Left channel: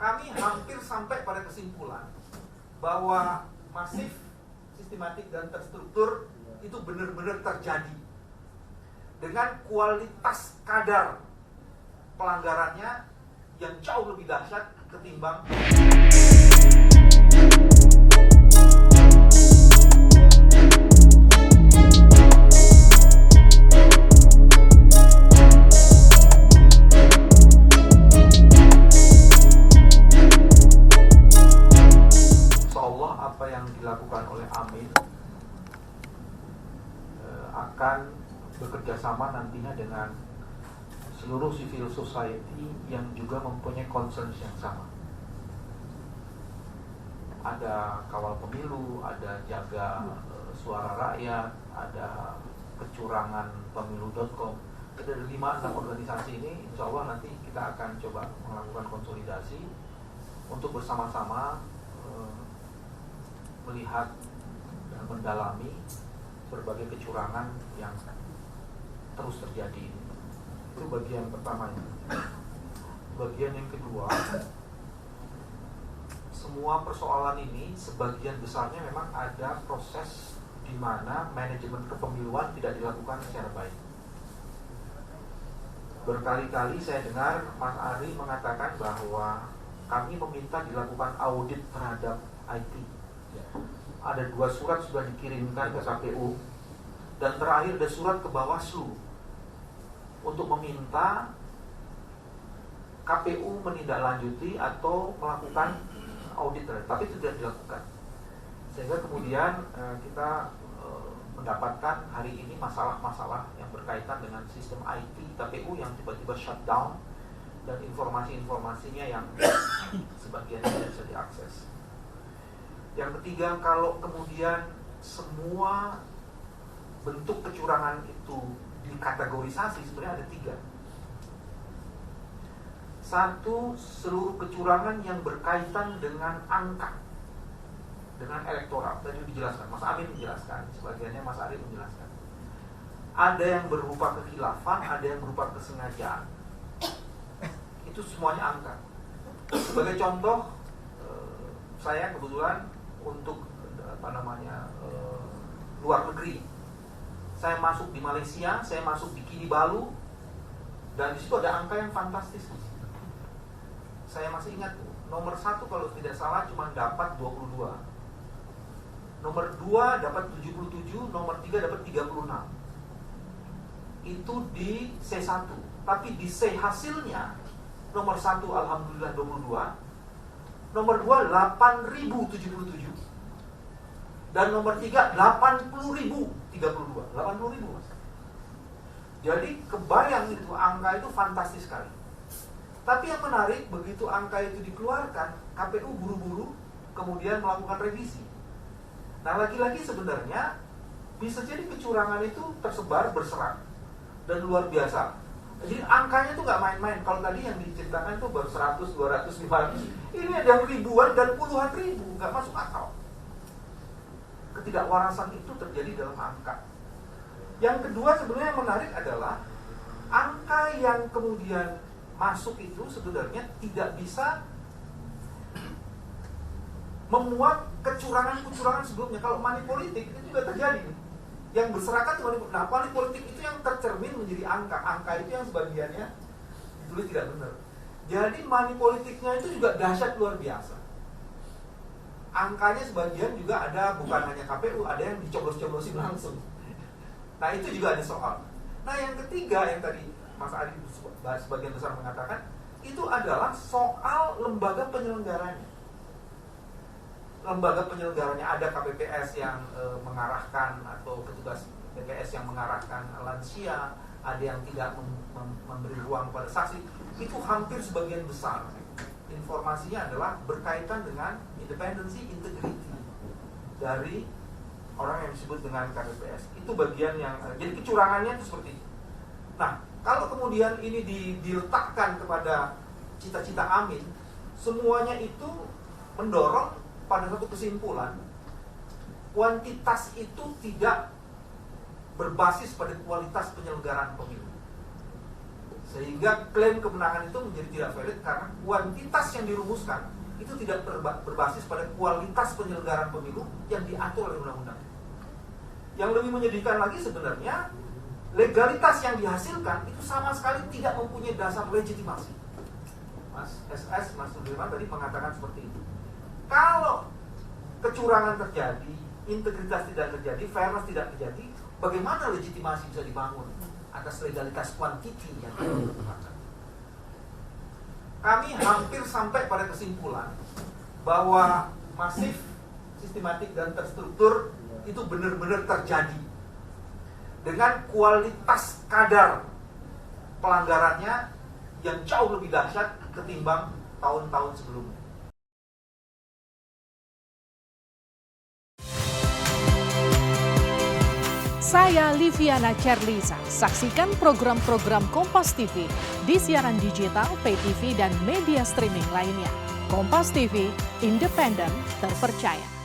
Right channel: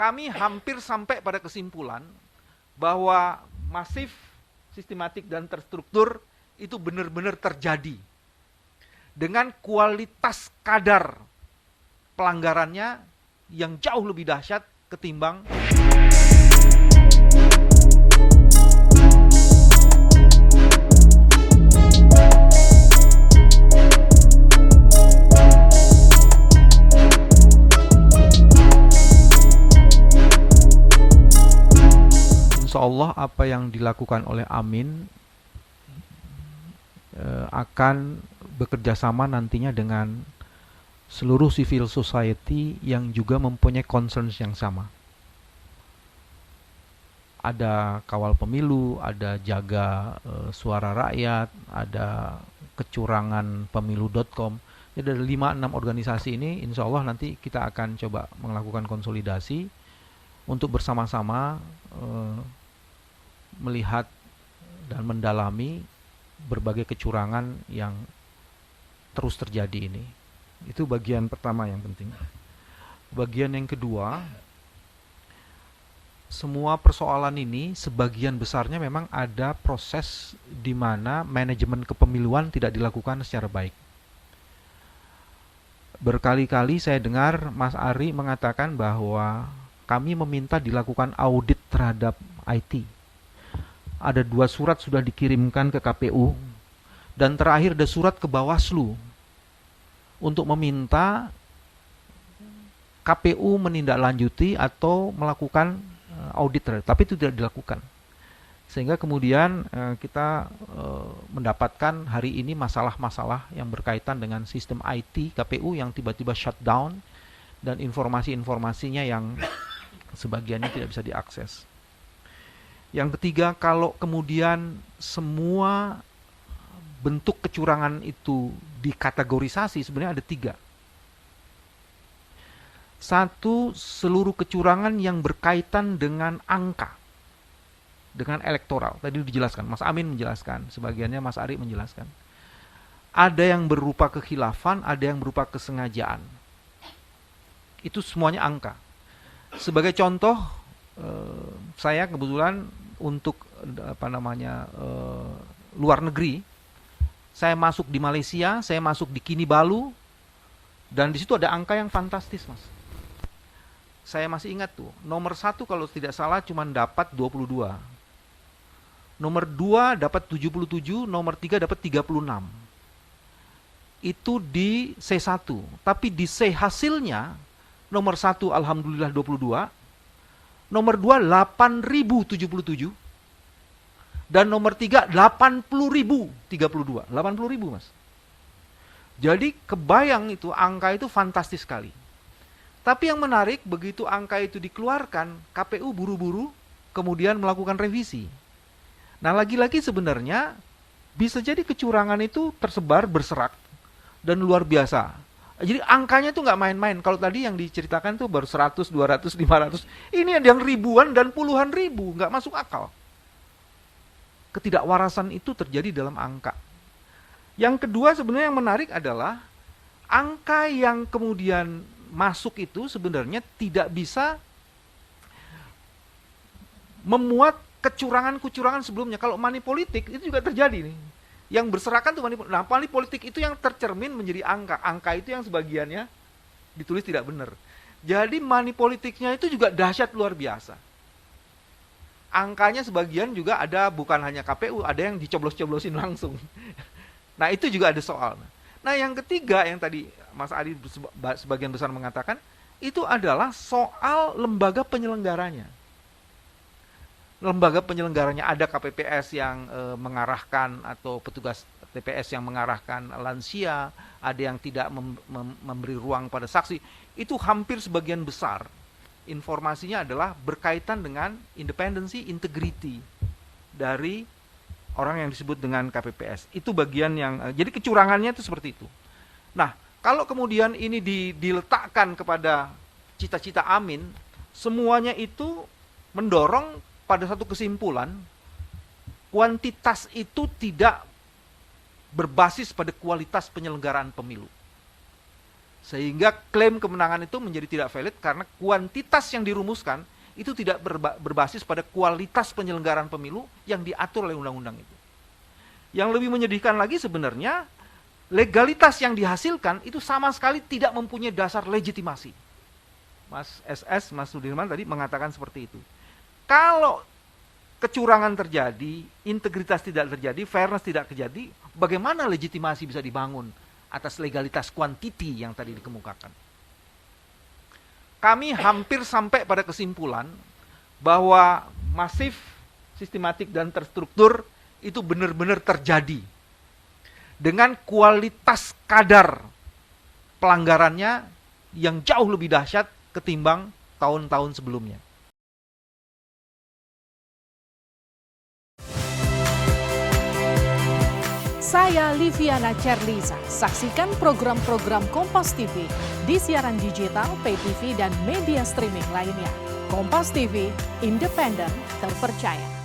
kami hampir sampai pada kesimpulan bahwa masif, sistematik, dan terstruktur itu benar-benar terjadi dengan kualitas kadar pelanggarannya yang jauh lebih dahsyat ketimbang Allah. Apa yang dilakukan oleh Amin akan bekerja sama nantinya dengan seluruh civil society yang juga mempunyai concerns yang sama. Ada kawal pemilu, ada jaga suara rakyat, ada kecurangan pemilu.com. Dari 5-6 organisasi ini insya Allah nanti kita akan coba melakukan konsolidasi untuk bersama-sama melihat dan mendalami berbagai kecurangan yang terus terjadi ini. Itu bagian pertama yang penting. Bagian yang kedua, semua persoalan ini sebagian besarnya memang ada proses di mana manajemen kepemiluan tidak dilakukan secara baik. Berkali-kali saya dengar Mas Ari mengatakan bahwa kami meminta dilakukan audit terhadap IT. Ada 2 surat sudah dikirimkan ke KPU, dan terakhir ada surat ke Bawaslu untuk meminta KPU menindaklanjuti atau melakukan audit terhadap, tapi itu tidak dilakukan. Sehingga kemudian kita mendapatkan hari ini masalah-masalah yang berkaitan dengan sistem IT KPU yang tiba-tiba shutdown dan informasi-informasinya yang sebagiannya tidak bisa diakses. Yang ketiga, kalau kemudian semua bentuk kecurangan itu dikategorisasi, sebenarnya ada 3. 1, seluruh kecurangan yang berkaitan dengan angka, dengan elektoral. Tadi dijelaskan, Mas Amin menjelaskan, sebagiannya Mas Ari menjelaskan. Ada yang berupa kekhilafan, ada yang berupa kesengajaan. Itu semuanya angka. Sebagai contoh, saya kebetulan untuk luar negeri, saya masuk di Malaysia, saya masuk di Kinabalu, dan di situ ada angka yang fantastis, Mas. Saya masih ingat tuh, nomor 1 kalau tidak salah cuma dapat 22, nomor 2 dapat 77, nomor 3 dapat 36. Itu di C1, tapi di C hasilnya nomor 1 alhamdulillah 22, nomor 2 8.077, dan nomor 3 80.032. 80.000, Mas. Jadi kebayang itu, angka itu fantastis sekali. Tapi yang menarik, begitu angka itu dikeluarkan, KPU buru-buru kemudian melakukan revisi. Nah, lagi-lagi sebenarnya bisa jadi kecurangan itu tersebar, berserak, dan luar biasa. Jadi angkanya tuh nggak main-main. Kalau tadi yang diceritakan tuh baru 100, 200, 500. Ini ada yang ribuan dan puluhan ribu, nggak masuk akal. Ketidakwarasan itu terjadi dalam angka. Yang kedua sebenarnya yang menarik adalah angka yang kemudian masuk itu sebenarnya tidak bisa memuat kecurangan-kecurangan sebelumnya. Kalau money politik itu juga terjadi nih. Yang berserakan tuh money politik itu yang tercermin menjadi angka. Angka itu yang sebagiannya ditulis tidak benar. Jadi money politiknya itu juga dahsyat luar biasa. Angkanya sebagian juga ada, bukan hanya KPU, ada yang dicoblos-coblosin langsung. Nah, itu juga ada soal. Nah, yang ketiga yang tadi Mas Ari sebagian besar mengatakan, itu adalah soal lembaga penyelenggaranya. Lembaga penyelenggaranya ada KPPS yang mengarahkan, atau petugas TPS yang mengarahkan lansia, ada yang tidak memberi ruang pada saksi. Itu hampir sebagian besar informasinya adalah berkaitan dengan independensi, integrity dari orang yang disebut dengan KPPS. Itu bagian yang jadi kecurangannya itu seperti itu. Nah, kalau kemudian ini diletakkan kepada cita-cita Amin, semuanya itu mendorong pada satu kesimpulan, kuantitas itu tidak berbasis pada kualitas penyelenggaraan pemilu. Sehingga klaim kemenangan itu menjadi tidak valid karena kuantitas yang dirumuskan itu tidak berbasis pada kualitas penyelenggaraan pemilu yang diatur oleh undang-undang itu. Yang lebih menyedihkan lagi sebenarnya, legalitas yang dihasilkan itu sama sekali tidak mempunyai dasar legitimasi. Mas SS, Mas Sudirman tadi mengatakan seperti itu. Kalau kecurangan terjadi, integritas tidak terjadi, fairness tidak terjadi, bagaimana legitimasi bisa dibangun atas legalitas kuantiti yang tadi dikemukakan? Kami hampir sampai pada kesimpulan bahwa masif, sistematik, dan terstruktur itu benar-benar terjadi dengan kualitas kadar pelanggarannya yang jauh lebih dahsyat ketimbang tahun-tahun sebelumnya. Saya Liviana Cerlisa. Saksikan program-program Kompas TV di siaran digital, pay TV, dan media streaming lainnya. Kompas TV, independen, terpercaya.